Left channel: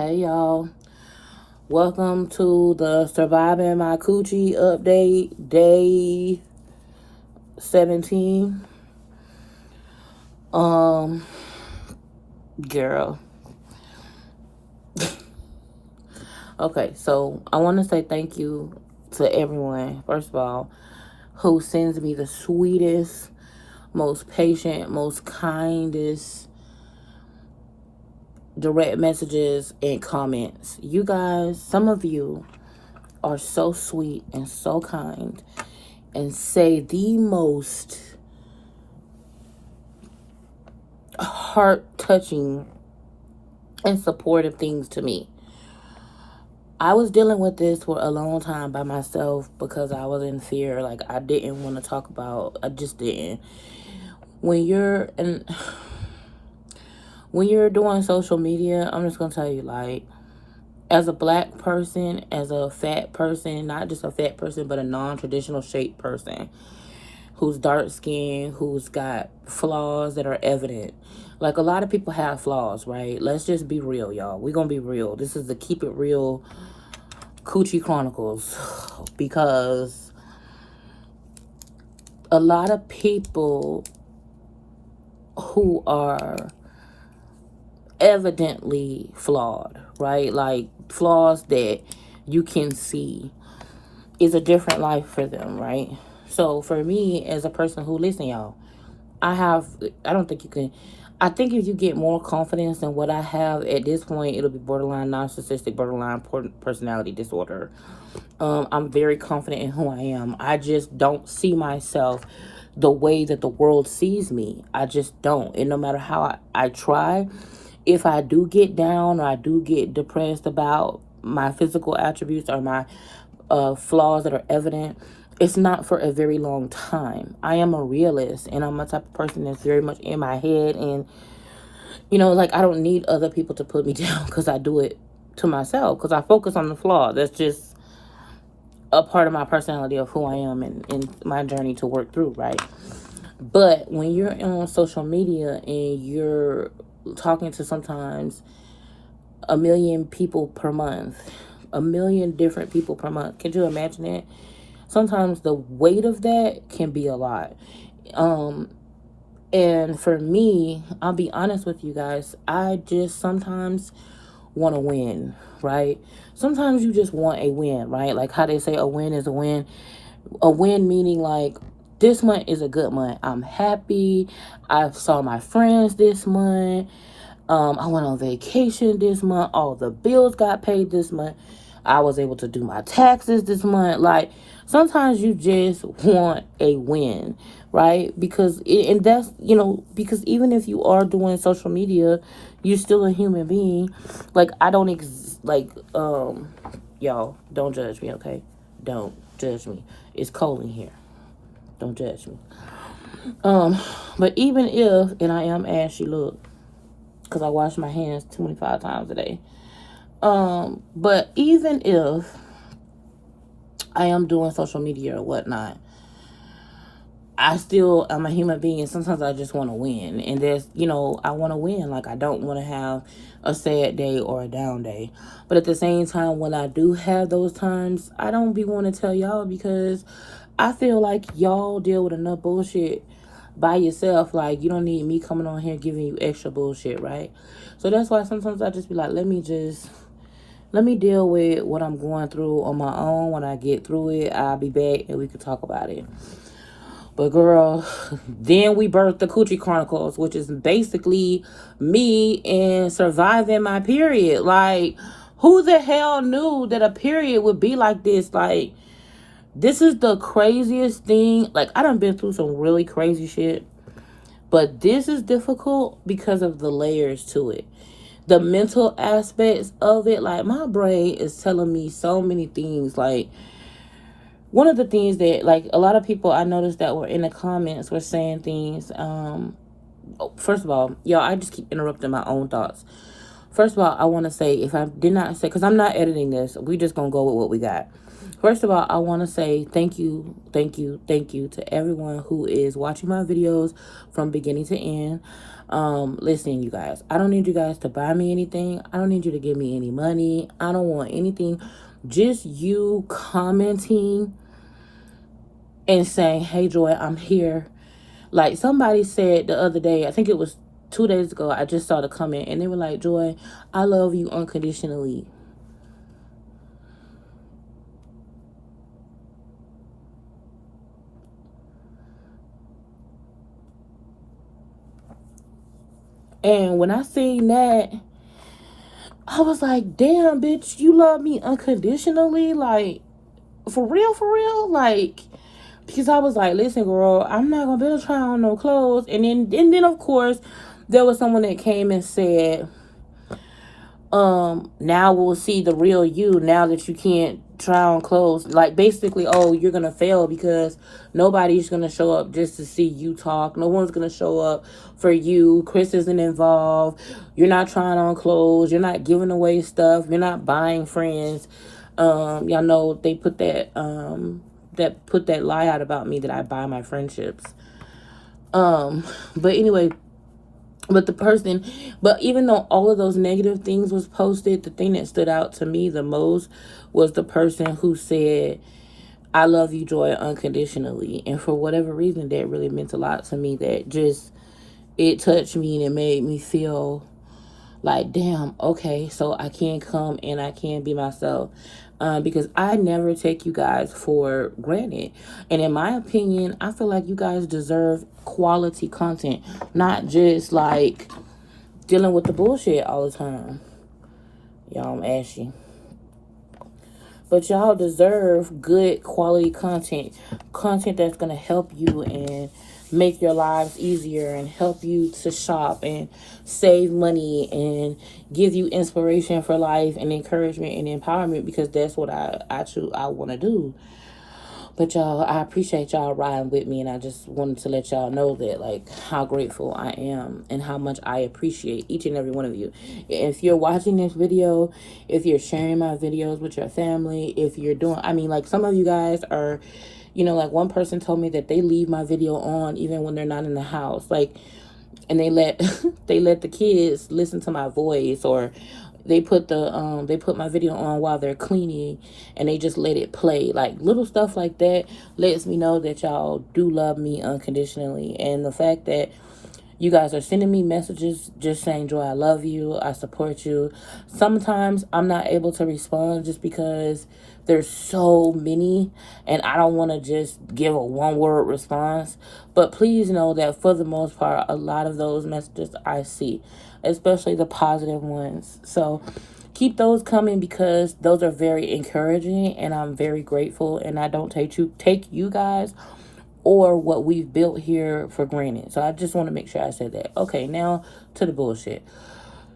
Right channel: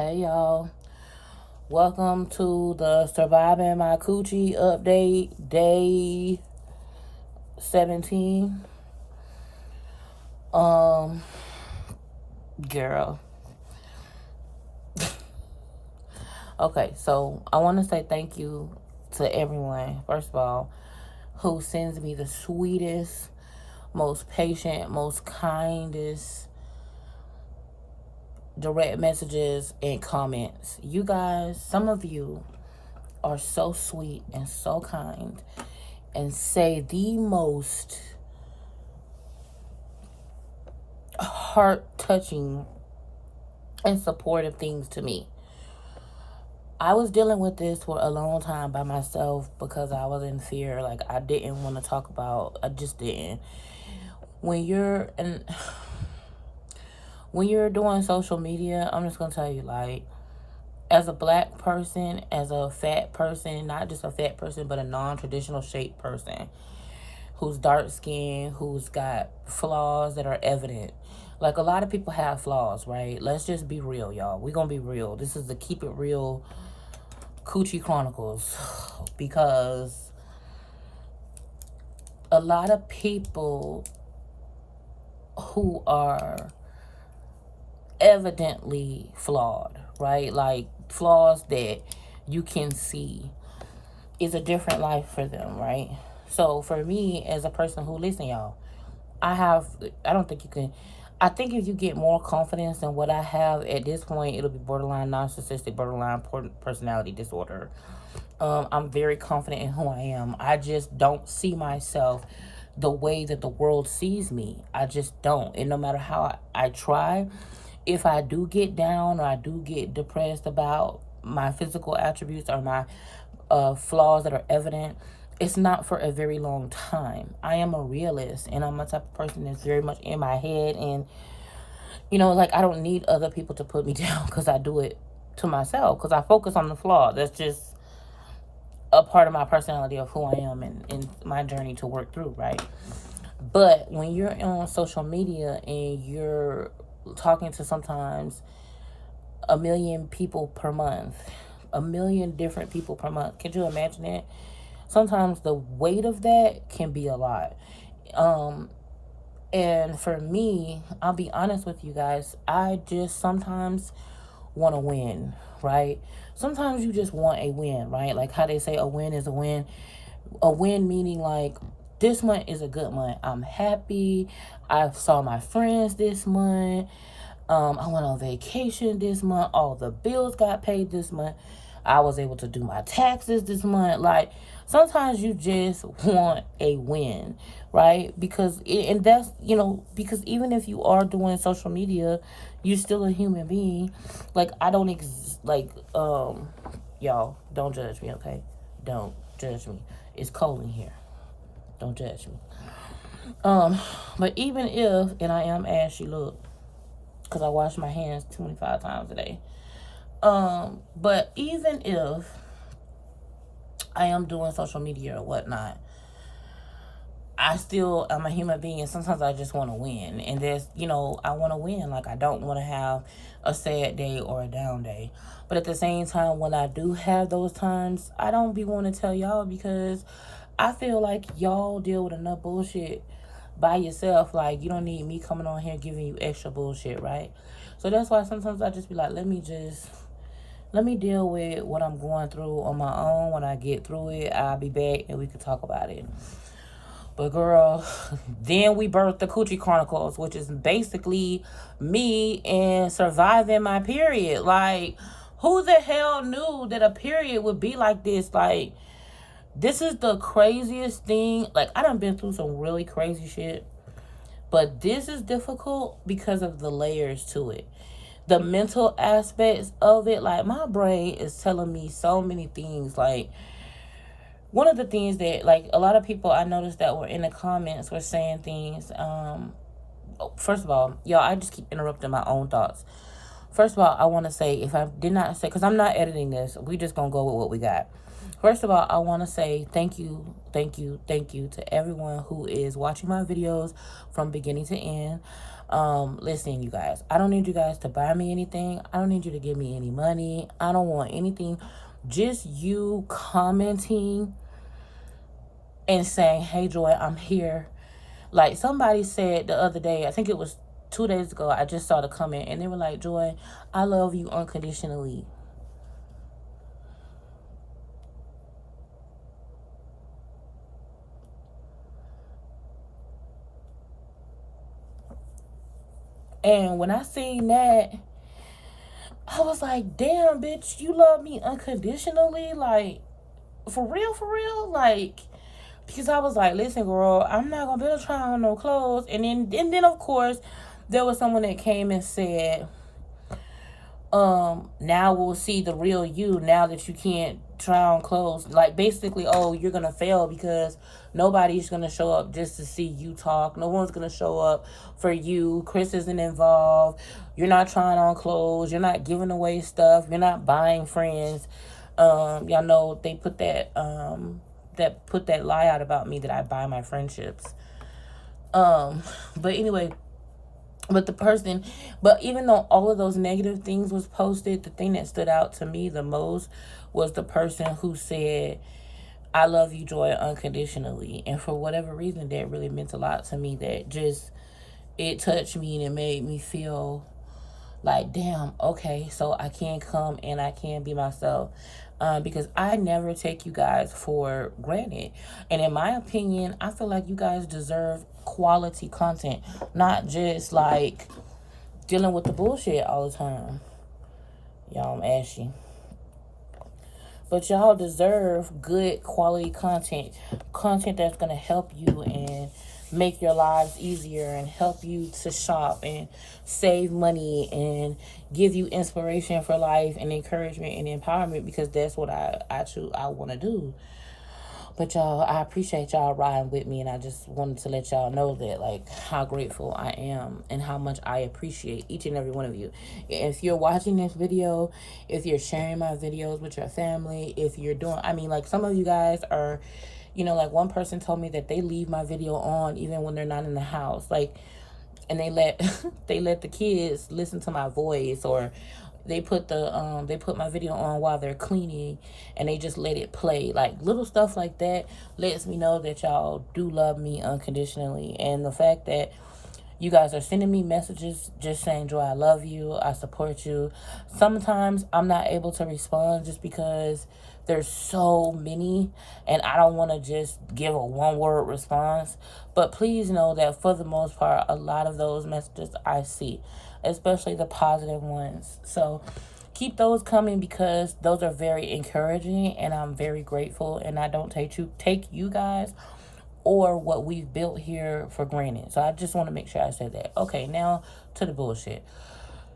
Hey y'all, welcome to the Surviving My Coochie update, day 17. Girl. Okay, so I want to say thank you to everyone, first of all, who sends me the sweetest, most patient, most kindest direct messages and comments. You guys, some of you are so sweet and so kind and say the most heart-touching and supportive things to me. I was dealing with this for a long time by myself because I was in fear. Like, I didn't want to talk about, I just didn't. When you're doing social media, I'm just gonna tell you, like, as a black person, as a fat person, not just a fat person, but a non-traditional shaped person who's dark skinned, who's got flaws that are evident. Like, a lot of people have flaws, right? Let's just be real, y'all. We're gonna be real. This is the Keep It Real Coochie Chronicles, because a lot of people who are evidently flawed, right? Like, flaws that you can see, is a different life for them, right? So for me, as a person who, listen, y'all, I think if you get more confidence than what I have at this point, it'll be borderline narcissistic, borderline personality disorder. I'm very confident in who I am. I just don't see myself the way that the world sees me. I just don't. And no matter how I try, if I do get down or I do get depressed about my physical attributes or my flaws that are evident, it's not for a very long time. I am a realist, and I'm a type of person that's very much in my head, and like, I don't need other people to put me down because I do it to myself, because I focus on the flaw. That's just a part of my personality, of who I am, and my journey to work through, right? But when you're on social media and you're talking to sometimes 1 million people per month, 1 million different people per month, can you imagine it? Sometimes the weight of that can be a lot. And for me, I'll be honest with you guys, I just sometimes want to win, right? Sometimes you just want a win, right? Like how they say a win is a win. A win meaning, like, this month is a good month. I'm happy. I saw my friends this month. I went on vacation this month. All the bills got paid this month. I was able to do my taxes this month. Like, sometimes you just want a win, right? Because because even if you are doing social media, you're still a human being. Like, I don't y'all, don't judge me, okay? Don't judge me. It's cold in here. Don't judge me. But even if, and I am ashy, look, because I wash my hands 25 times a day. But even if I am doing social media or whatnot, I'm a human being, and sometimes I just want to win. And I want to win. Like, I don't want to have a sad day or a down day. But at the same time, when I do have those times, I don't be wanting to tell y'all, because I feel like y'all deal with enough bullshit by yourself. Like, you don't need me coming on here giving you extra bullshit, right? So that's why sometimes I just be like, let me deal with what I'm going through on my own. When I get through it, I'll be back and we can talk about it. But girl, then we birthed the Coochie Chronicles, which is basically me and surviving my period. Like, who the hell knew that a period would be like this? Like, this is the craziest thing. Like, I done been through some really crazy shit, but this is difficult because of the layers to it. The mental aspects of it, like, my brain is telling me so many things. Like, one of the things that, like, a lot of people I noticed that were in the comments were saying things. First of all, y'all, I just keep interrupting my own thoughts. First of all, I want to say, if I did not say, because I'm not editing this, we just going to go with what we got. First of all, I want to say thank you to everyone who is watching my videos from beginning to end. Listen, you guys, I don't need you guys to buy me anything. I don't need you to give me any money. I don't want anything. Just you commenting and saying, hey, Joy, I'm here. Like somebody said the other day, I think it was 2 days ago, I just saw the comment and they were like, Joy, I love you unconditionally. And when I seen that, I was like, damn, bitch, you love me unconditionally? Like, for real, for real? Like, because I was like, listen, girl, I'm not going to be able to try on no clothes. And then, of course, there was someone that came and said, now we'll see the real you now that you can't try on clothes. Like, basically, oh, you're gonna fail because nobody's gonna show up just to see you talk. No one's gonna show up for you. Chris isn't involved. You're not trying on clothes. You're not giving away stuff. You're not buying friends. Y'all know they put that lie out about me that I buy my friendships. But anyway, but even though all of those negative things was posted, the thing that stood out to me the most was the person who said, I love you, Joy, unconditionally. And for whatever reason, that really meant a lot to me. That just, it touched me and it made me feel like, damn, okay, so I can come and I can be myself. Because I never take you guys for granted. And in my opinion, I feel like you guys deserve quality content, not just like dealing with the bullshit all the time. Y'all, I'm ashy. But y'all deserve good quality content. Content that's going to help you and make your lives easier and help you to shop and save money and give you inspiration for life and encouragement and empowerment, because that's what I want to do. But y'all, I appreciate y'all riding with me, and I just wanted to let y'all know that, like, how grateful I am and how much I appreciate each and every one of you. If you're watching this video, if you're sharing my videos with your family, if you're doing, I mean, like, some of you guys are, you know, like, one person told me that they leave my video on even when they're not in the house, like, and they let they let the kids listen to my voice, or they put my video on while they're cleaning and they just let it play. Like, little stuff like that lets me know that y'all do love me unconditionally. And the fact that you guys are sending me messages just saying, Joy, I love you, I support you. Sometimes I'm not able to respond just because there's so many and I don't want to just give a one-word response. But please know that for the most part, a lot of those messages I see, especially the positive ones. So keep those coming, because those are very encouraging and I'm very grateful, and I don't take you guys or what we've built here for granted. So I just want to make sure I said that. Okay, now to the bullshit.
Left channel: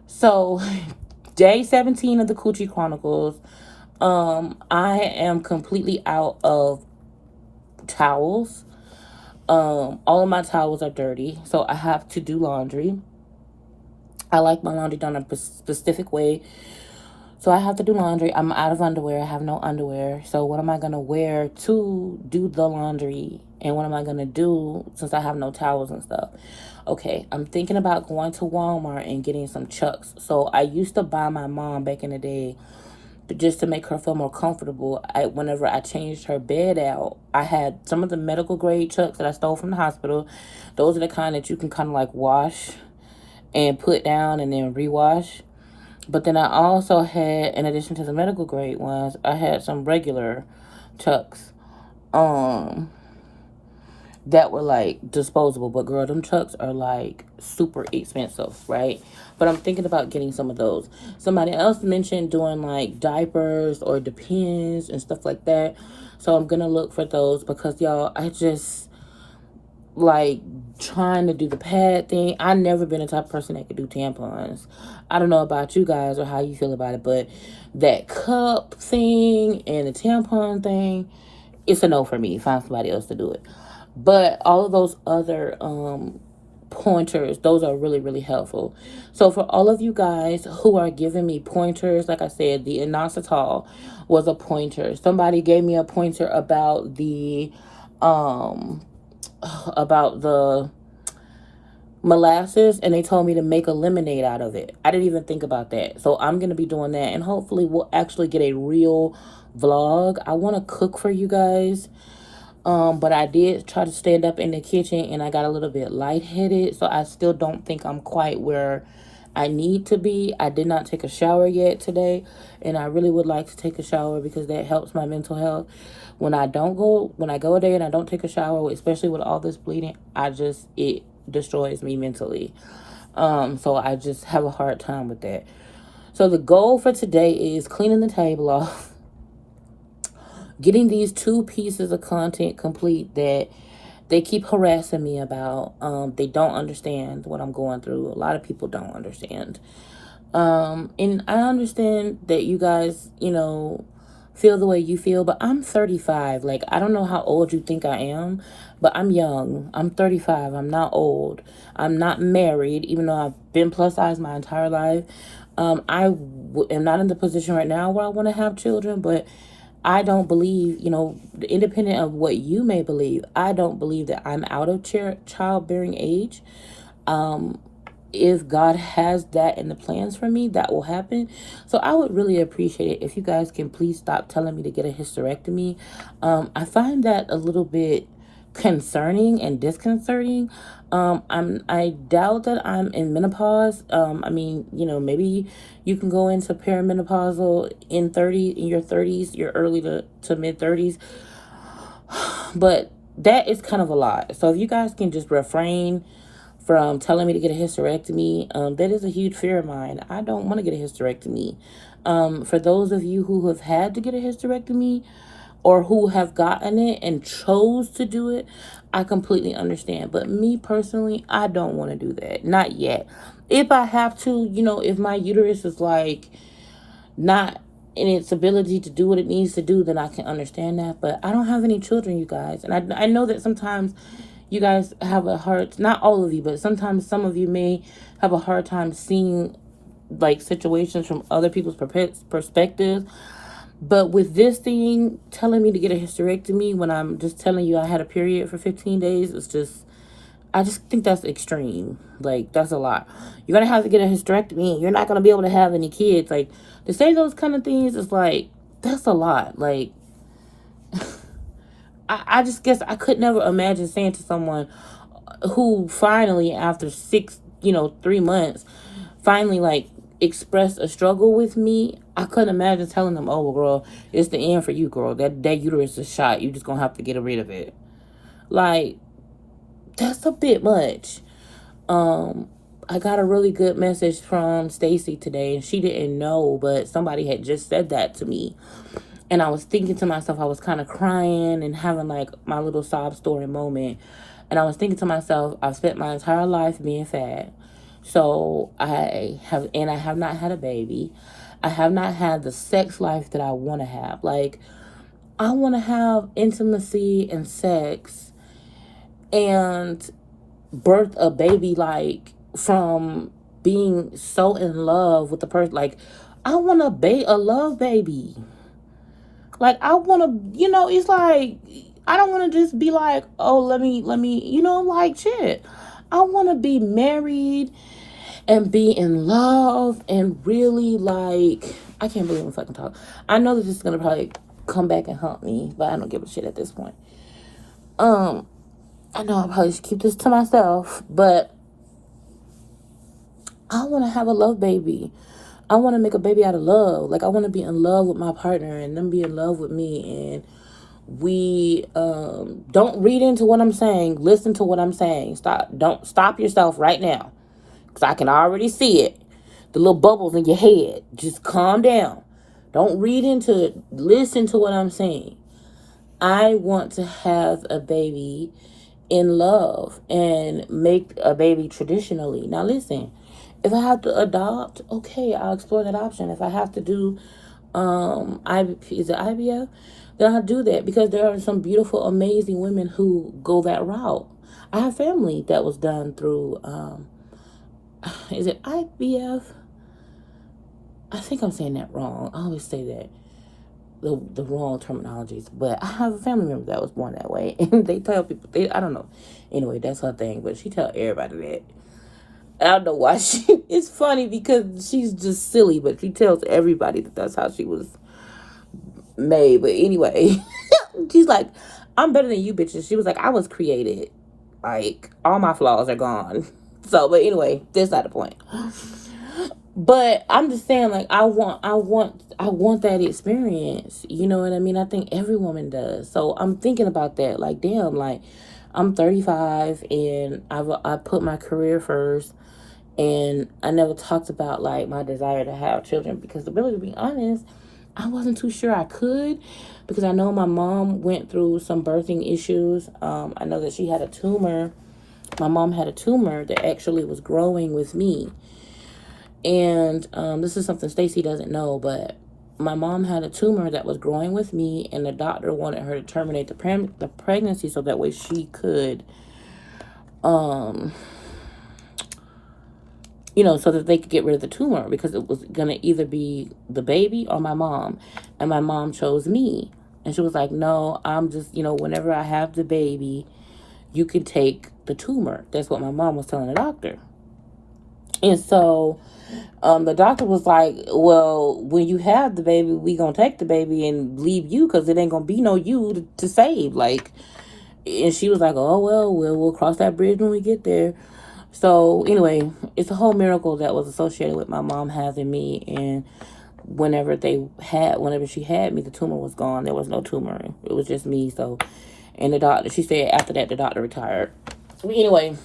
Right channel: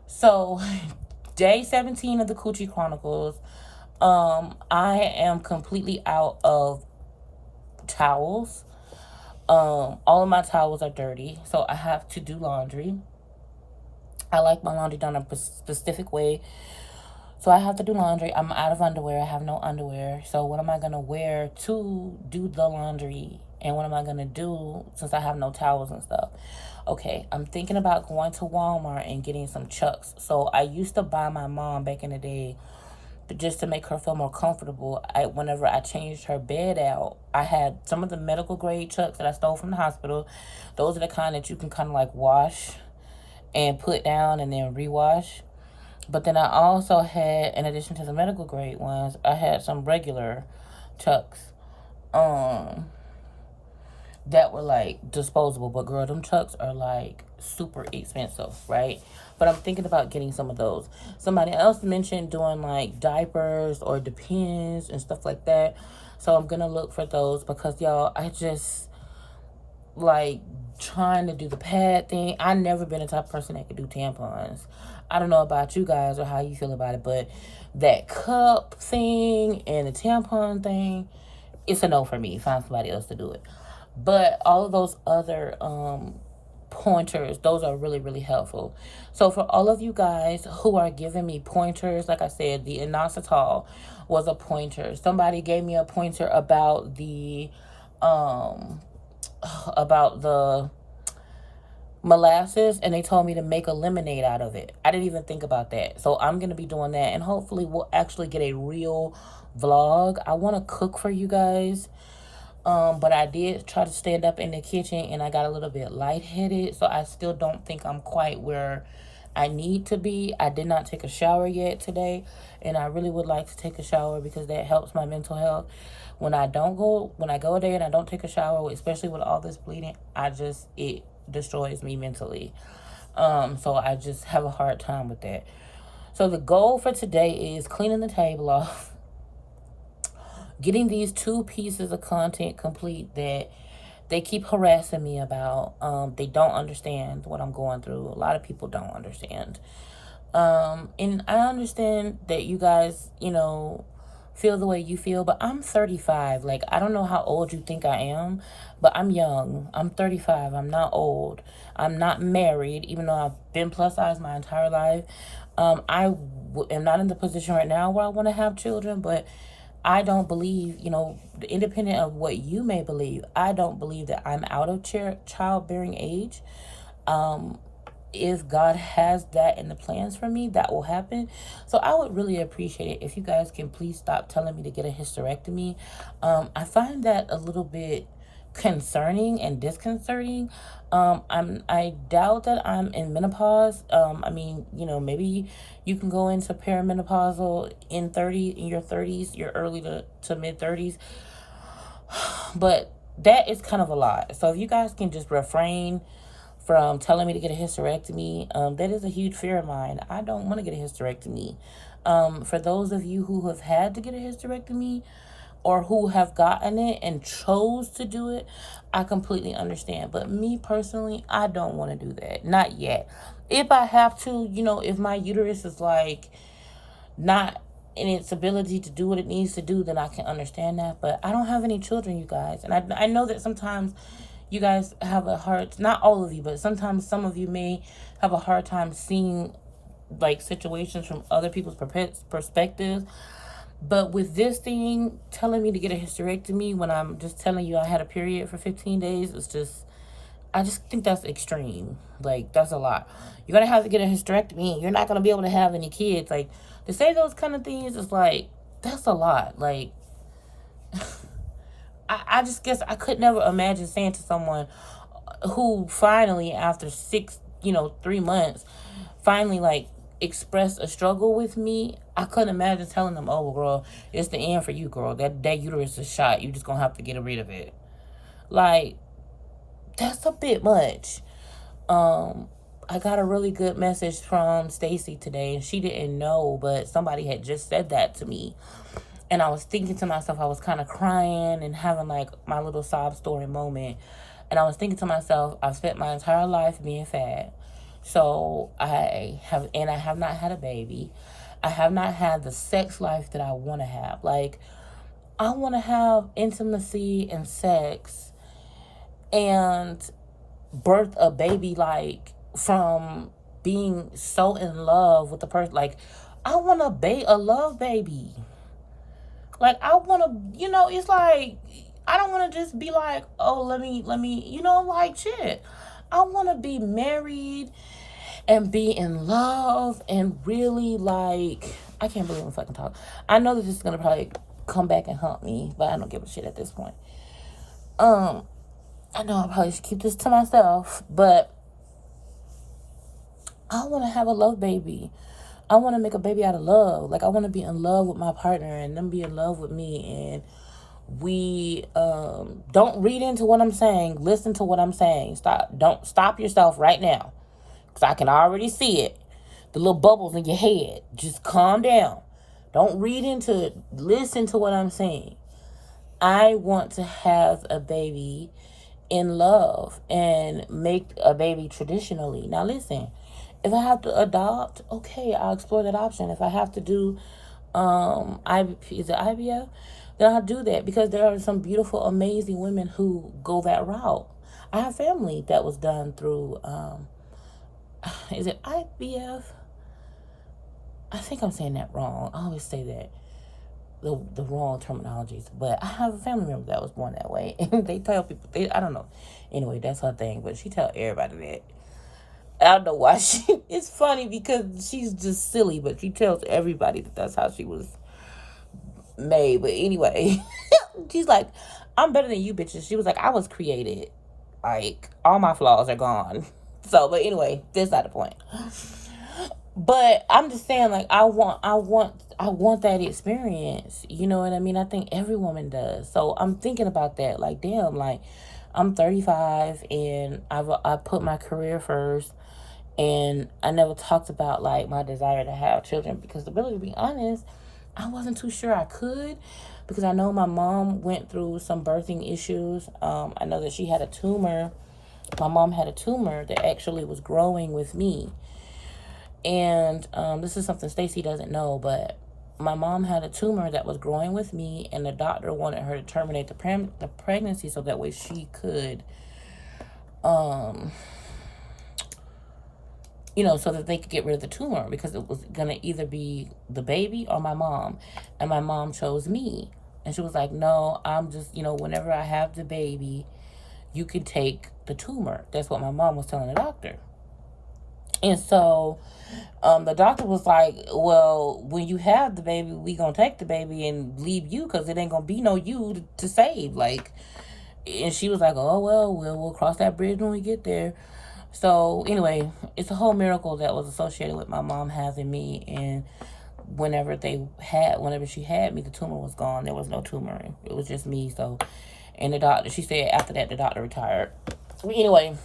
So day 17 of the Coochie Chronicles, I am completely out of towels. All of my towels are dirty, so I have to do laundry. I like my laundry done a specific way, so I have to do laundry. I'm out of underwear. I have no underwear. So what am I going to wear to do the laundry? And what am I going to do since I have no towels and stuff? Okay, I'm thinking about going to Walmart and getting some Chucks. So I used to buy my mom back in the day, just to make her feel more comfortable. Whenever I changed her bed out, I had some of the medical grade Chucks that I stole from the hospital. Those are the kind that you can kind of like wash and put down and then rewash. But then I also had, in addition to the medical grade ones, I had some regular Chucks that were like disposable. But girl, them Chucks are like super expensive, right? But I'm thinking about getting some of those. Somebody else mentioned doing like diapers or Depends and stuff like that. So I'm gonna look for those, because y'all, I just like trying to do the pad thing. I've never been a type of person that could do tampons. I don't know about you guys or how you feel about it, but that cup thing and the tampon thing, it's a no for me. Find somebody else to do it. But all of those other pointers, those are really, really helpful. So for all of you guys who are giving me pointers, like I said, the inositol was a pointer. Somebody gave me a pointer about the molasses, and they told me to make a lemonade out of it. I didn't even think about that. So I'm going to be doing that, and hopefully we'll actually get a real vlog. I want to cook for you guys. But I did try to stand up in the kitchen and I got a little bit lightheaded. So I still don't think I'm quite where I need to be. I did not take a shower yet today. And I really would like to take a shower because that helps my mental health. When I go a day and I don't take a shower, especially with all this bleeding, it destroys me mentally. So I just have a hard time with that. So the goal for today is cleaning the table off, getting these 2 pieces of content complete that they keep harassing me about. They don't understand what I'm going through. A lot of people don't understand. And I understand that you guys, feel the way you feel, but I'm 35. Like, I don't know how old you think I am, but I'm young. I'm 35. I'm not old. I'm not married, even though I've been plus size my entire life. I am not in the position right now where I want to have children, but I don't believe, independent of what you may believe, I don't believe that I'm out of childbearing age. If God has that in the plans for me, that will happen. So I would really appreciate it if you guys can please stop telling me to get a hysterectomy. I find that a little bit concerning and disconcerting. I doubt that I'm in menopause. Maybe you can go into perimenopausal in your 30s, your early to mid 30s. But that is kind of a lot. So if you guys can just refrain from telling me to get a hysterectomy, that is a huge fear of mine. I don't want to get a hysterectomy. For those of you who have had to get a hysterectomy or who have gotten it and chose to do it, I completely understand. But me personally, I don't want to do that. Not yet. If I have to, if my uterus is like not in its ability to do what it needs to do, then I can understand that. But I don't have any children, you guys. And I know that sometimes you guys have a hard, not all of you, but sometimes some of you may have a hard time seeing like situations from other people's perspectives. But with this thing, telling me to get a hysterectomy when I'm just telling you I had a period for 15 days, I just think that's extreme. Like, that's a lot. You're going to have to get a hysterectomy. You're not going to be able to have any kids. Like, to say those kind of things is like, that's a lot. Like, I just guess I could never imagine saying to someone who finally, after 3 months, finally, like, expressed a struggle with me. I couldn't imagine telling them, oh, well, girl, it's the end for you, girl. That uterus is shot. You're just going to have to get rid of it. Like, that's a bit much. I got a really good message from Stacy today, and she didn't know, but somebody had just said that to me. And I was thinking to myself, I was kind of crying and having like my little sob story moment. And I was thinking to myself, I've spent my entire life being fat. So I have not had a baby. I have not had the sex life that I want to have. Like, I want to have intimacy and sex and birth a baby, like, from being so in love with the person. Like, I want a love baby. Like, I want to, it's like, I don't want to just be like, oh, let me, like, shit. I want to be married and be in love and really, like, I can't believe I'm fucking talking. I know that this is going to probably come back and haunt me, but I don't give a shit at this point. I know I probably should keep this to myself, but I want to have a love baby. I want to make a baby out of love. Like, I want to be in love with my partner and them be in love with me. And we don't read into what I'm saying. Listen to what I'm saying. Don't stop yourself right now, because I can already see it. The little bubbles in your head. Just calm down. Don't read into it. Listen to what I'm saying. I want to have a baby in love and make a baby traditionally. Now listen, if I have to adopt, okay, I'll explore that option. If I have to do IVF, then I'll do that, because there are some beautiful, amazing women who go that route. I have family that was done through is it IVF? I think I'm saying that wrong. I always say that the wrong terminologies, but I have a family member that was born that way, and they tell people, I don't know. Anyway, that's her thing, but she tell everybody that. I don't know why it's funny because she's just silly, but she tells everybody that that's how she was made. But anyway, she's like, I'm better than you bitches. She was like, I was created. Like, all my flaws are gone. So, but anyway, that's not the point. But I'm just saying, like, I want that experience. You know what I mean? I think every woman does. So I'm thinking about that. Like, damn, like, I'm 35 and I put my career first, and I never talked about like my desire to have children because, really, to be honest, I wasn't too sure I could, because I know my mom went through some birthing issues. I know that she had a tumor. My mom had a tumor that actually was growing with me. And this is something Stacy doesn't know, but my mom had a tumor that was growing with me, and the doctor wanted her to terminate the pregnancy so that way she could, um, so that they could get rid of the tumor, because it was going to either be the baby or my mom. And my mom chose me. And she was like, no, I'm just, whenever I have the baby, you can take the tumor. That's what my mom was telling the doctor. And so the doctor was like, well, when you have the baby, we going to take the baby and leave you, because it ain't going to be no you to save. Like, and she was like, oh, well, we'll cross that bridge when we get there. So anyway, it's a whole miracle that was associated with my mom having me. And whenever she had me, the tumor was gone. There was no tumor. It was just me. So, and she said after that, the doctor retired. But anyway,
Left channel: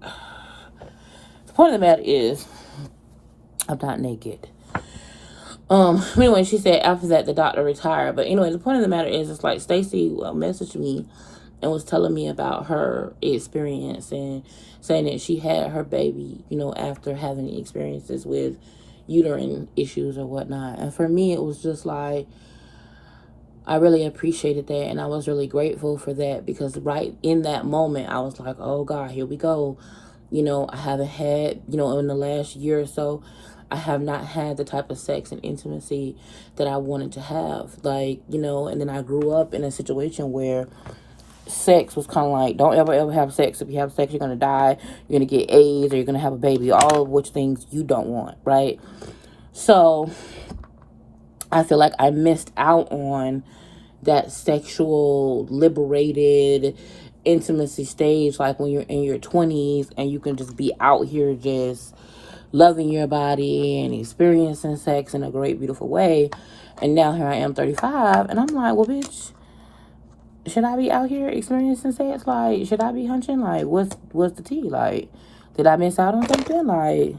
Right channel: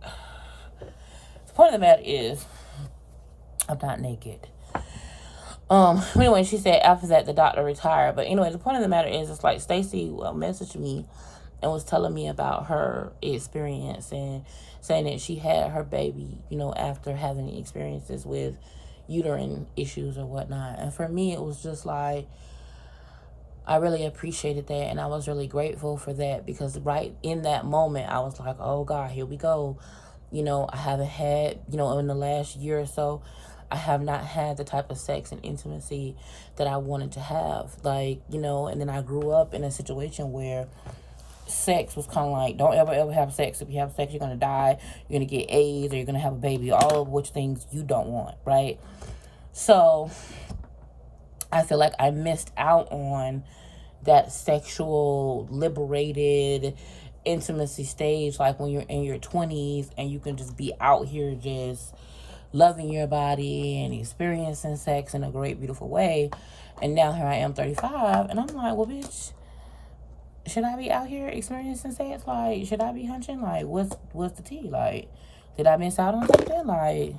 the point of the matter is, I'm not naked. Anyway, she said after that, the doctor retired. But anyway, the point of the matter is, it's like Stacy messaged me and was telling me about her experience, and saying that she had her baby, after having experiences with uterine issues or whatnot. And for me, it was just like, I really appreciated that, and I was really grateful for that, because right in that moment, I was like, oh God, here we go. I haven't had, in the last year or so, I have not had the type of sex and intimacy that I wanted to have. Like, and then I grew up in a situation where sex was kind of like, don't ever have sex. If you have sex, you're going to die. You're going to get AIDS, or you're going to have a baby. All of which things you don't want, right? So I feel like I missed out on that sexual liberated intimacy stage, like when you're in your 20s and you can just be out here just loving your body and experiencing sex in a great, beautiful way. And now here I am, 35, and I'm like, well, bitch, should I be out here experiencing sex? Like, should I be hunching? Like, what's the tea? Like, did I miss out on something? Like,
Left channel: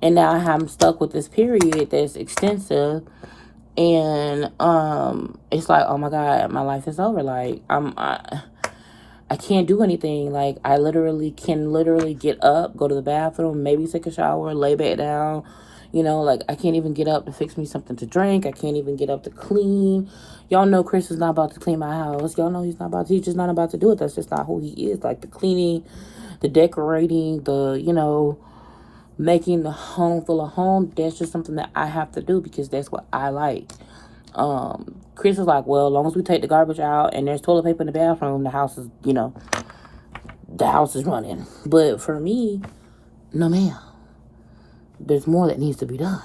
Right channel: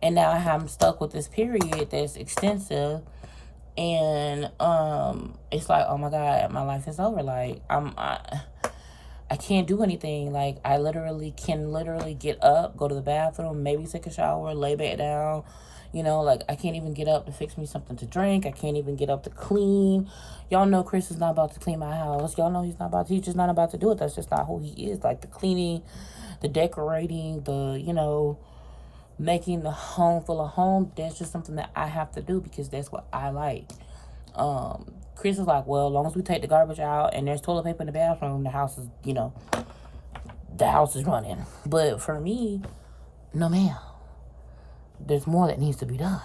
and now I'm stuck with this period that's extensive, and it's like, oh my God, my life is over. Like, I can't do anything. Like, I can get up, go to the bathroom, maybe take a shower, lay back down. Like, I can't even get up to fix me something to drink. I can't even get up to clean. Y'all know Chris is not about to clean my house. Y'all know he's just not about to do it. That's just not who he is. Like, the cleaning, the decorating, the, making the home full of home, that's just something that I have to do, because that's what I like. Chris is like, well, as long as we take the garbage out and there's toilet paper in the bathroom, the house is running. But for me, no ma'am. There's more that needs to be done.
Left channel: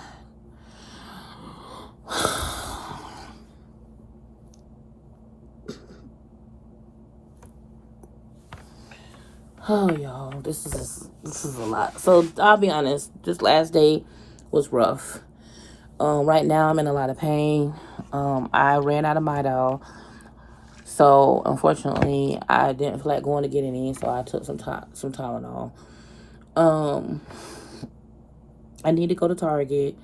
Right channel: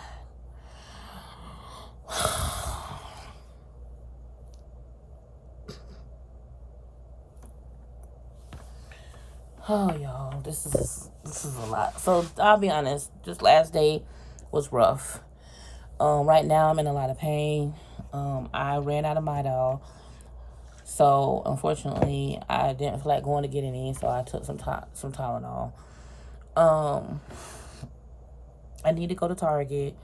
Oh, y'all, this is a lot. So I'll be honest, this last day was rough. Right now I'm in a lot of pain. I ran out of Midol. So unfortunately, I didn't feel like going to get any, so I took some Tylenol. I need to go to Target.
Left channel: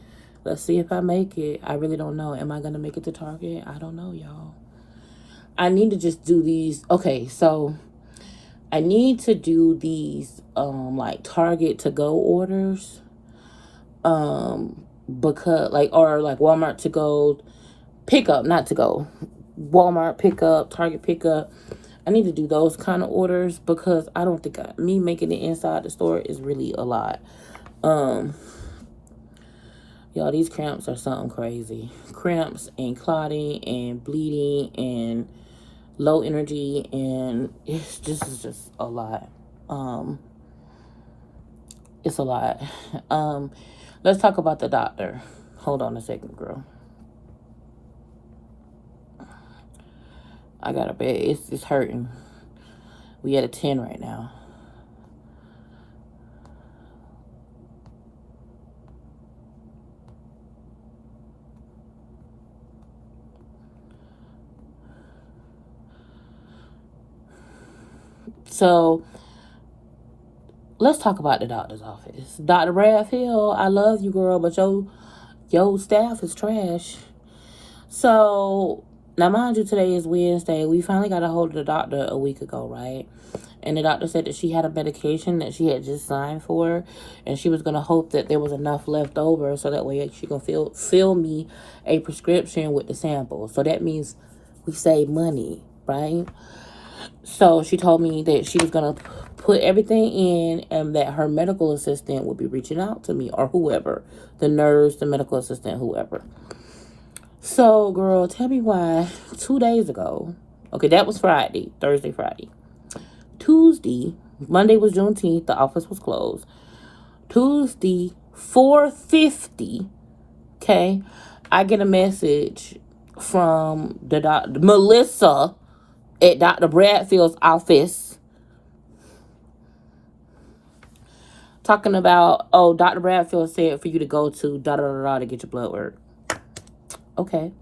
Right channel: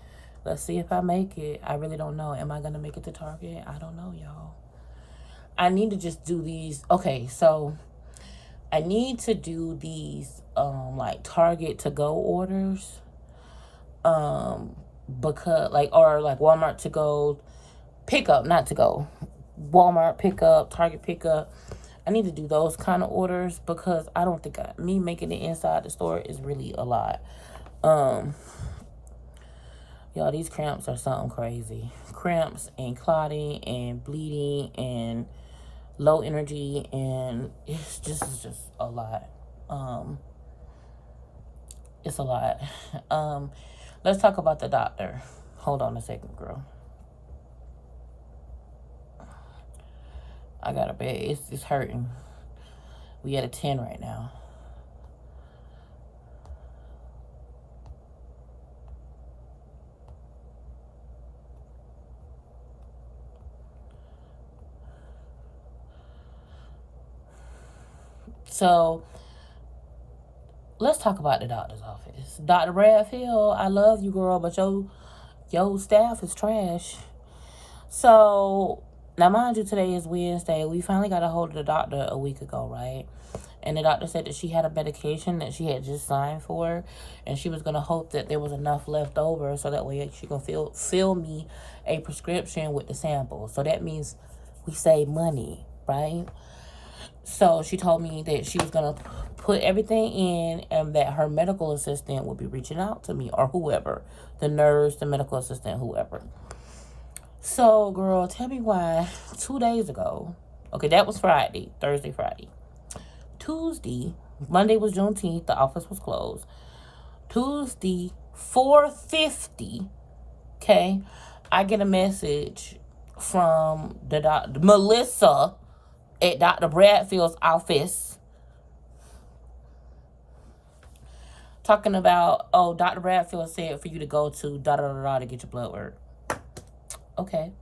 Let's see if I make it. I really don't know. Am I gonna make it to Target? I don't know, y'all. I need to just do these. Okay, so I need to do these like Target to go orders. Because or like Walmart to go pickup, not to go. Walmart pickup, Target pickup. I need to do those kind of orders, because I don't think me making it inside the store is really a lot. Y'all, these cramps are something crazy. Cramps and clotting and bleeding and low energy, and it's just a lot. It's a lot. Let's talk about the doctor. Hold on a second, girl. I got a bed. It's hurting. We at a 10 right now. So let's talk about the doctor's office. Dr. Bradfield, I love you, girl, but your staff is trash. So now, mind you, today is Wednesday. We finally got a hold of the doctor a week ago, right? And the doctor said that she had a medication that she had just signed for, and she was gonna hope that there was enough left over so that way she can fill me a prescription with the sample. So that means we save money, right? So she told me that she was gonna put everything in, and that her medical assistant would be reaching out to me, or whoever, the nurse, the medical assistant, whoever. So, girl, tell me why 2 days ago, okay, that was Friday, Thursday, Friday. Tuesday, Monday was Juneteenth, the office was closed. Tuesday, 4:50, okay, I get a message from the doctor, Melissa, at Dr. Bradfield's office, talking about, oh, Dr. Bradfield said for you to go to da-da-da-da to get your blood work. Okay.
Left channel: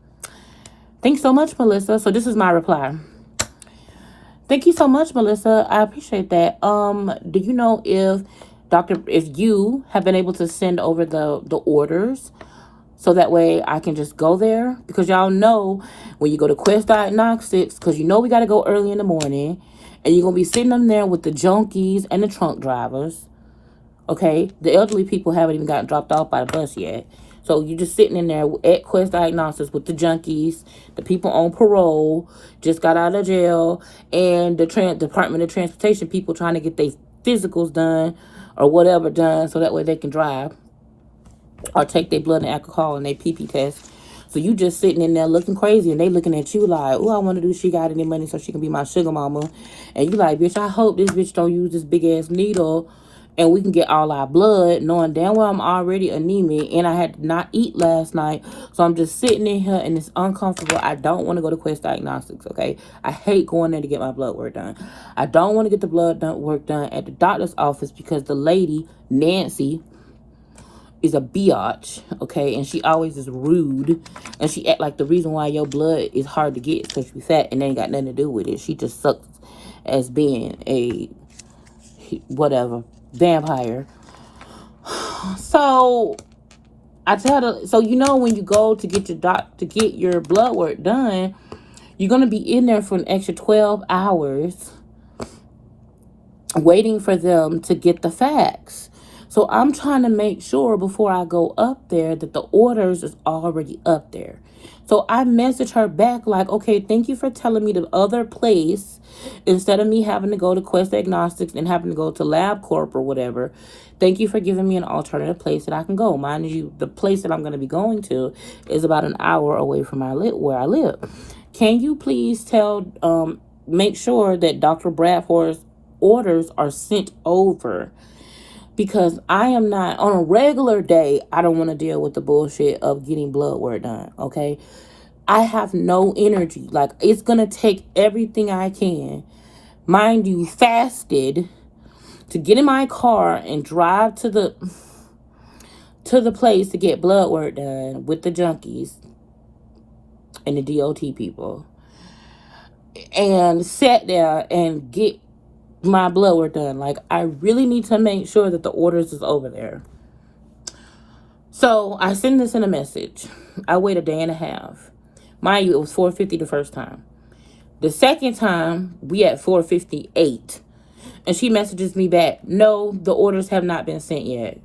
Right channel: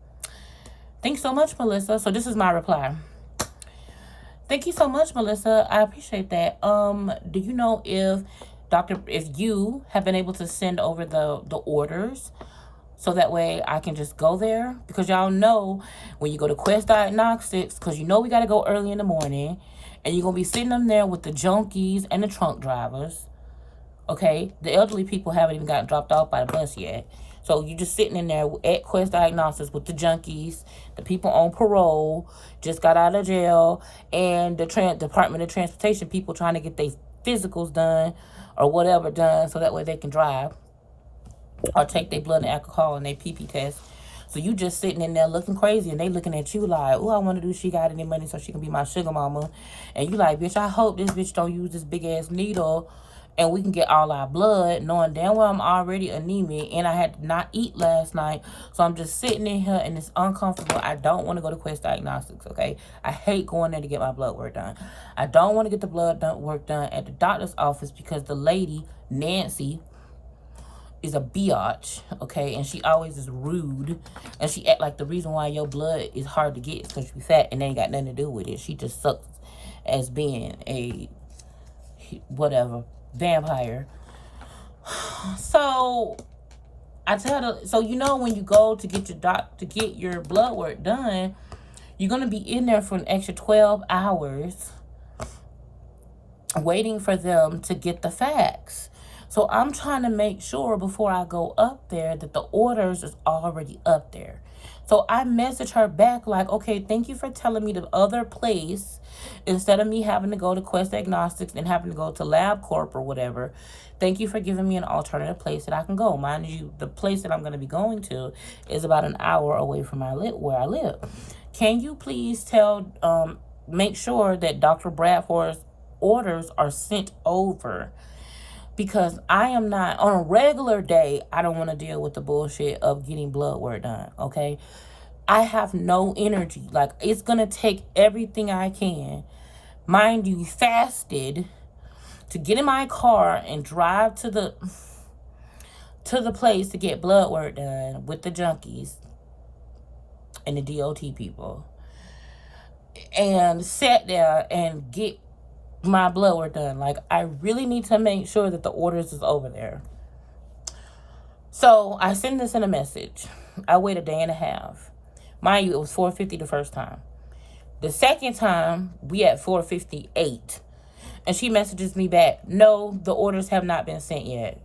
Thanks so much, Melissa. So this is my reply. Thank you so much, Melissa. I appreciate that. Do you know if you have been able to send over the orders so that way I can just go there? Because y'all know when you go to Quest Diagnostics, because you know we got to go early in the morning, and you're going to be sitting them there with the junkies and the trunk drivers. Okay? The elderly people haven't even gotten dropped off by the bus yet. So you're just sitting in there at Quest Diagnostics with the junkies, the people on parole, just got out of jail, and the Department of Transportation people trying to get their physicals done or whatever done so that way they can drive or take their blood and alcohol and their pee test. So you just sitting in there looking crazy, and they looking at you like, oh, I want to do, she got any money so she can be my sugar mama. And you like, bitch, I hope this bitch don't use this big ass needle and we can get all our blood, knowing damn well I'm already anemic and I had to not eat last night. So I'm just sitting in here and it's uncomfortable. I don't want to go to Quest Diagnostics, okay? I hate going there to get my blood work done. I don't want to get the work done at the doctor's office because the lady, Nancy, is a biatch, okay? And she always is rude. And she act like the reason why your blood is hard to get is because you fat, and they ain't got nothing to do with it. She just sucks as being a whatever vampire. So I tell her, so you know when you go to get your blood work done, you're gonna be in there for an extra 12 hours waiting for them to get the facts. So I'm trying to make sure before I go up there that the orders is already up there. So I message her back like, okay, thank you for telling me the other place instead of me having to go to Quest Diagnostics and having to go to LabCorp or whatever. Thank you for giving me an alternative place that I can go. Mind you, the place that I'm going to be going to is about an hour away from where I live. Can you please make sure that Dr. Bradford's orders are sent over? Because I am not, on a regular day, I don't want to deal with the bullshit of getting blood work done, okay? I have no energy. Like, it's going to take everything I can, mind you, fasted, to get in my car and drive to the place to get blood work done with the junkies and the DOT people. And sit there and get my blood work done. Like, I really need to make sure that the orders is over there. So I send this in a message. I wait a day and a half. Mind you, it was 4:50 the first time. The second time, we at 4:58. And she messages me back, no, the orders have not been sent yet.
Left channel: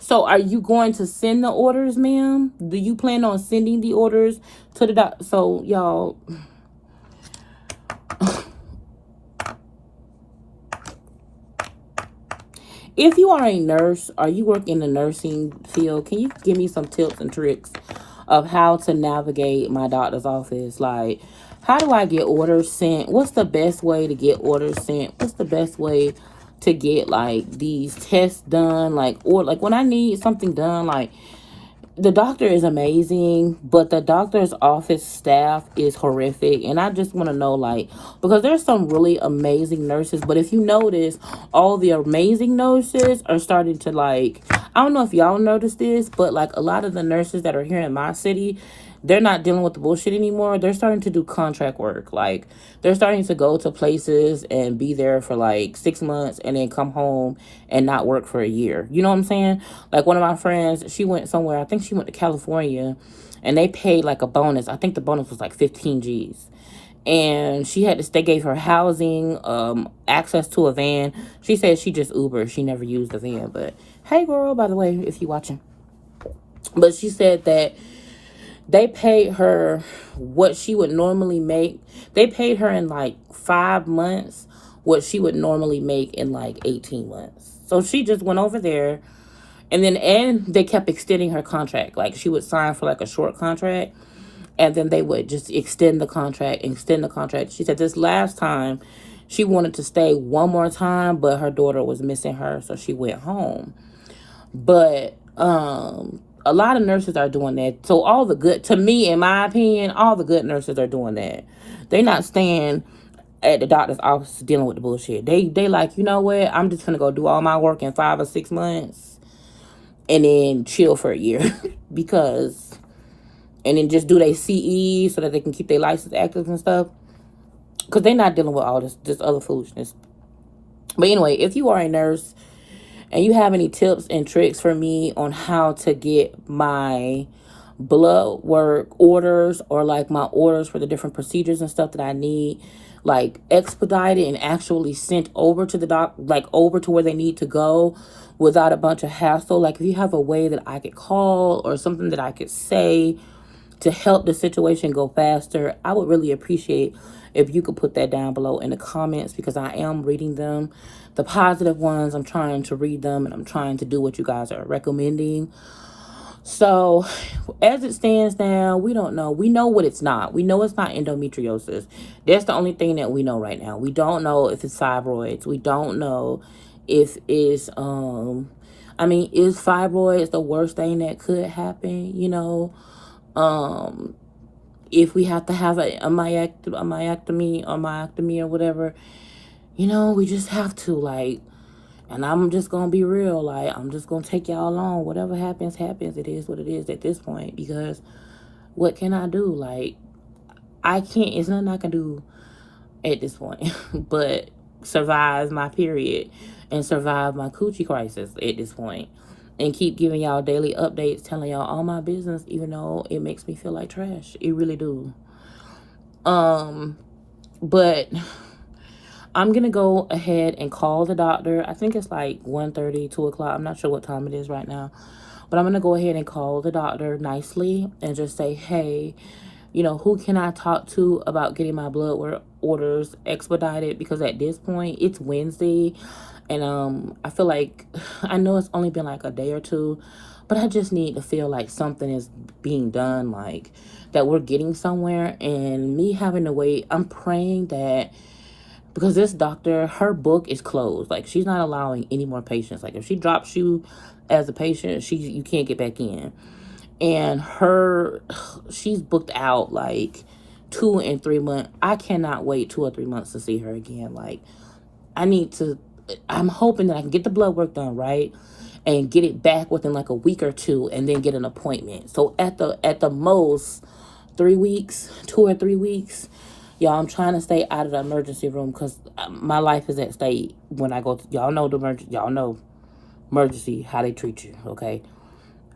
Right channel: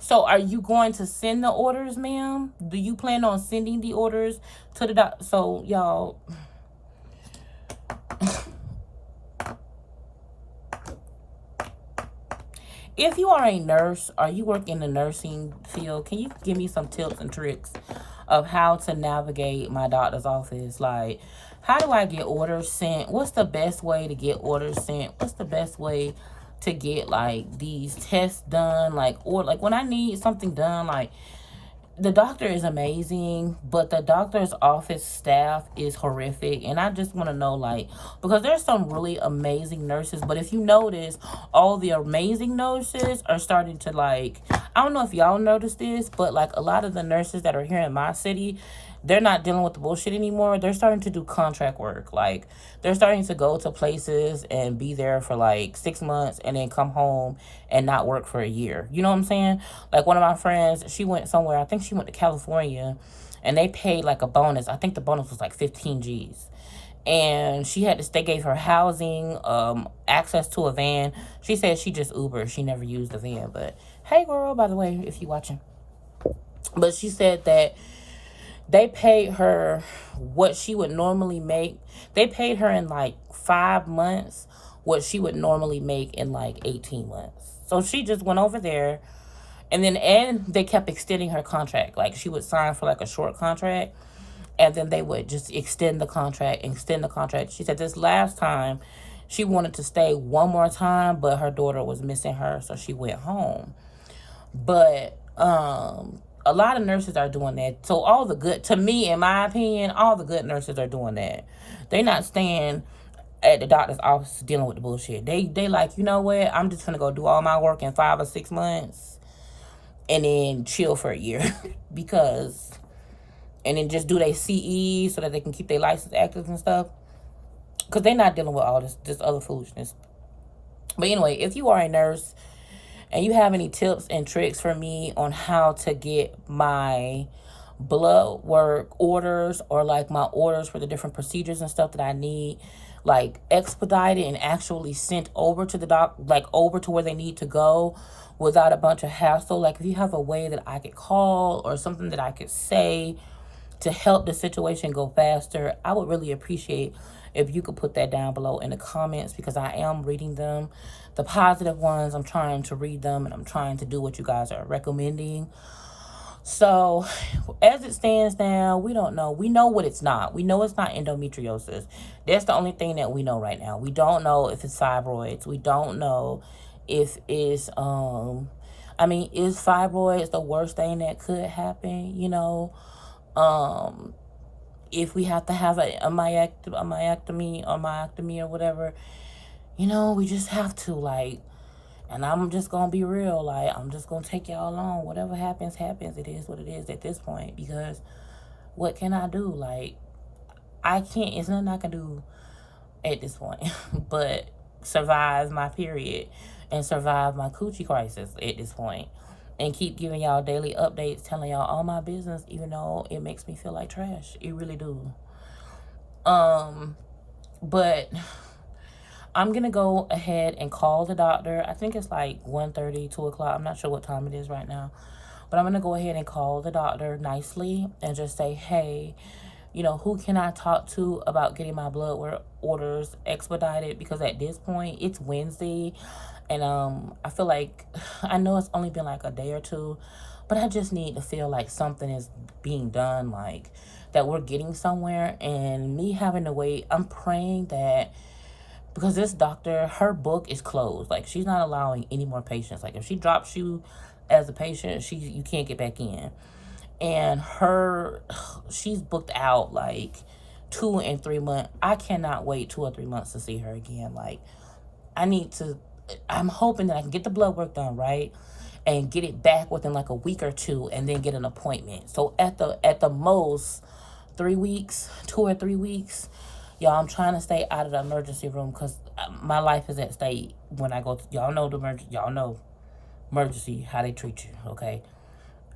So are you going to send the orders, ma'am? Do you plan on sending the orders to the doctor? So, y'all, if you are a nurse or you work in the nursing field, can you give me some tips and tricks of how to navigate my doctor's office. Like, how do I get orders sent? What's the best way to get orders sent? What's the best way to get like these tests done? Like, or like when I need something done, like the doctor is amazing, but the doctor's office staff is horrific. And I just want to know, like, because there's some really amazing nurses, but if you notice, all the amazing nurses are starting to, like, I don't know if y'all noticed this, but like a lot of the nurses that are here in my city, they're not dealing with the bullshit anymore. They're starting to do contract work. Like, they're starting to go to places and be there for like 6 months and then come home and not work for a year. You know what I'm saying? Like, one of my friends, she went somewhere, I think she went to California, and they paid like a bonus. I think the bonus was like 15 G's. And they gave her housing, access to a van. She said she just Uber. She never used a van. But hey, girl, by the way, if you watching. But she said that they paid her what she would normally make. They paid her in like 5 months what she would normally make in like 18 months. So she just went over there, and they kept extending her contract. Like, she would sign for like a short contract, and then they would just extend the contract. She said this last time she wanted to stay one more time, but her daughter was missing her, so she went home. But a lot of nurses are doing that. So all the good, to me, in my opinion, all the good nurses are doing that. They're not staying at the doctor's office dealing with the bullshit. They like, you know what? I'm just gonna go do all my work in 5 or 6 months and then chill for a year and then just do their CE so that they can keep their license active and stuff. Because they're not dealing with all this other foolishness. But anyway, if you are a nurse and you have any tips and tricks for me on how to get my blood work orders, or like my orders for the different procedures and stuff that I need, like expedited and actually sent over to the doc, like over to where they need to go without a bunch of hassle. Like, if you have a way that I could call or something that I could say to help the situation go faster, I would really appreciate if you could put that down below in the comments, because I am reading them. The positive ones, I'm trying to read them, and I'm trying to do what you guys are recommending. So, as it stands now, we don't know. We know what it's not. We know it's not endometriosis. That's the only thing that we know right now. We don't know if it's fibroids. We don't know if it's, is fibroids the worst thing that could happen, you know? If we have to have a myectomy or whatever, you know, we just have to, like, and I'm just gonna be real, like, I'm just gonna take y'all along. Whatever happens, happens. It is what it is at this point, because what can I do? Like, it's nothing I can do at this point but survive my period and survive my coochie crisis at this point, and keep giving y'all daily updates, telling y'all all my business, even though it makes me feel like trash. It really do. But I'm gonna go ahead and call the doctor. I think it's like 1:30, 2 o'clock. I'm not sure what time it is right now, but I'm gonna go ahead and call the doctor nicely and just say, hey, you know, who can I talk to about getting my blood orders expedited? Because at this point, it's Wednesday, and I feel like, I know it's only been like a day or two, but I just need to feel like something is being done, like that we're getting somewhere. And me having to wait, I'm praying that, because this doctor, her book is closed. Like, she's not allowing any more patients. Like, if she drops you as a patient, you can't get back in. And she's booked out like 2 and 3 months. I cannot wait 2 or 3 months to see her again. Like, I'm hoping that I can get the blood work done, right? And get it back within like a week or two, and then get an appointment. So at the most 3 weeks, 2 or 3 weeks, y'all, I'm trying to stay out of the emergency room, because my life is at stake when I go to, y'all know emergency, how they treat you, okay?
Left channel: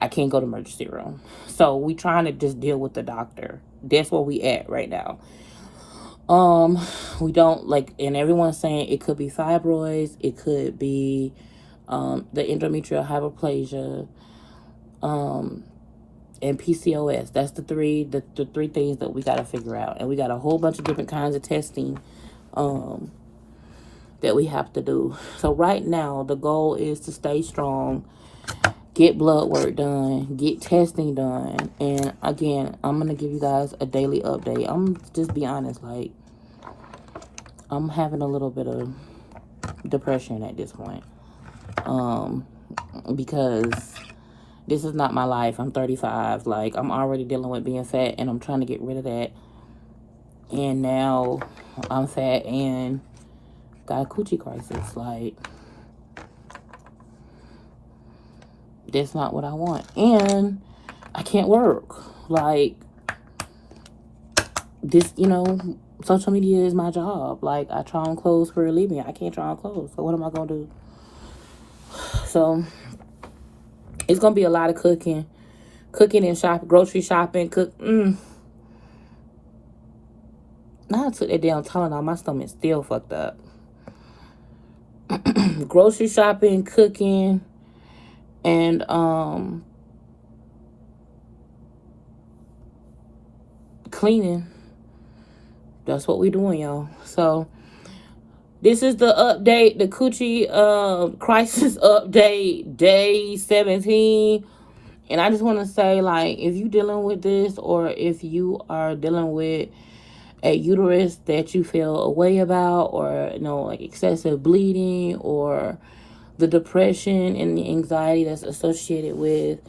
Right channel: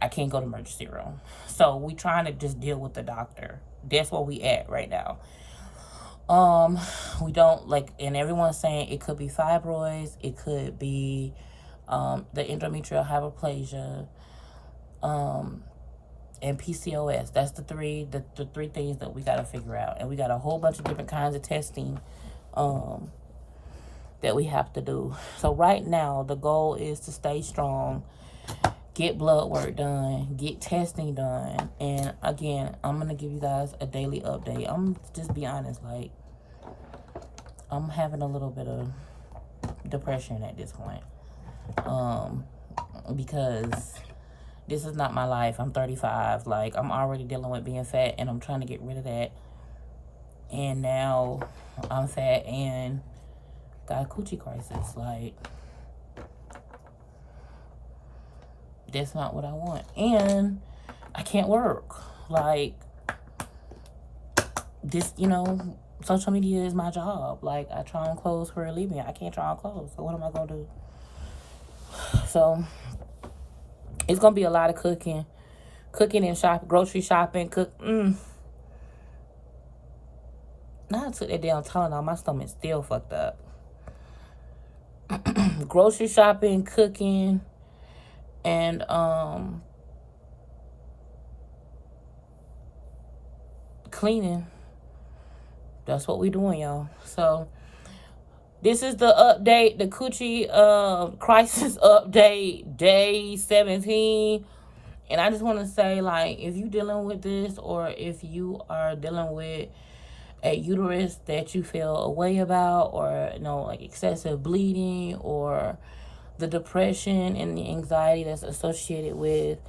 I can't go to emergency room. So we trying to just deal with the doctor. That's where we at right now. We don't, like, and everyone's saying it could be fibroids, it could be the endometrial hyperplasia, and PCOS. That's the three things that we got to figure out. And we got a whole bunch of different kinds of testing that we have to do. So right now, the goal is to stay strong get blood work done, get testing done. And again, I'm going to give you guys a daily update. I'm just be honest, like, I'm having a little bit of depression at this point. Because this is not my life. I'm 35. Like, I'm already dealing with being fat, and I'm trying to get rid of that. And now I'm fat and got a coochie crisis. Like, that's not what I want. And I can't work. Like, this, you know, social media is my job. Like, I try on clothes for a living. I can't try on clothes. So what am I going to do? So it's going to be a lot of cooking. Cooking and shopping, grocery shopping, Now I took that damn Tylenol, my stomach's still fucked up. Grocery shopping, cooking, and cleaning. That's what we doing, y'all. So this is the update, the coochie crisis update, day 17. And I just want to say, like, if you dealing with this, or if you are dealing with a uterus that you feel a way about, or, you know, like excessive bleeding, or the depression and the anxiety that's associated with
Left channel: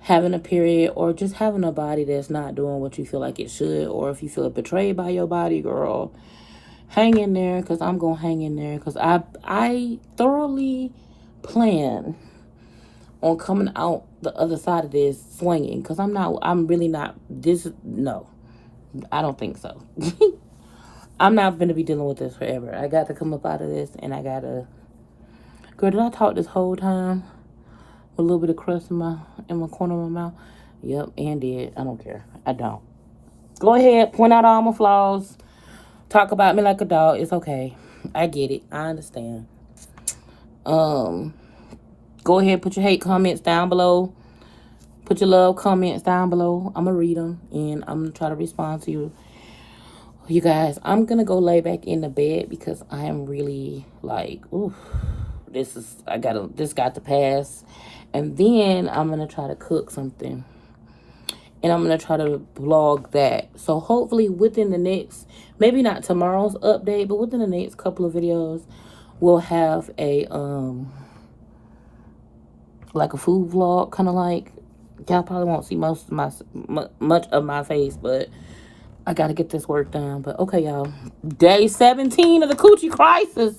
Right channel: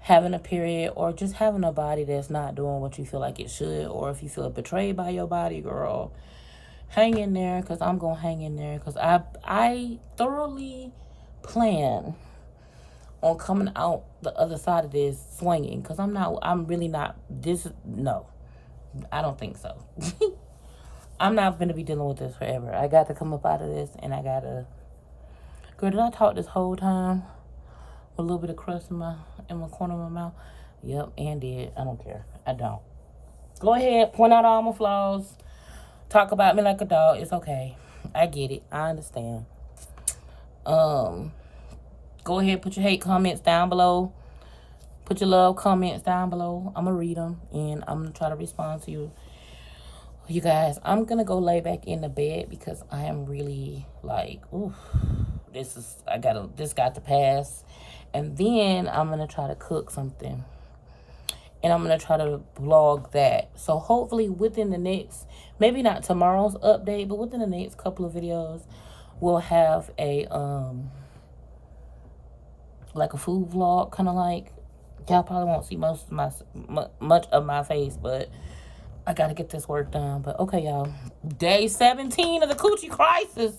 having a period, or just having a body that's not doing what you feel like it should, or if you feel betrayed by your body, girl, hang in there, because I'm going to hang in there, because I thoroughly plan on coming out the other side of this swinging, because I'm really not, no, I don't think so. I'm not going to be dealing with this forever. I got to come up out of this, and I got to, girl, did I talk this whole time with a little bit of crust in my corner of my mouth? Yep, and did. I don't care. I don't. Go ahead, point out all my flaws. Talk about me like a dog. It's okay. I get it. I understand. Go ahead, put your hate comments down below. Put your love comments down below. I'm going to read them, and I'm going to try to respond to you. You guys, I'm going to go lay back in the bed, because I am really like, oof, this got to pass. And then I'm going to try to cook something, and I'm going to try to vlog that. So hopefully within the next, maybe not tomorrow's update, but within the next couple of videos, we'll have a, like a food vlog, kind of like, y'all probably won't see much of my face, but I got to get this work done. But okay, y'all, day 17 of the coochie crisis.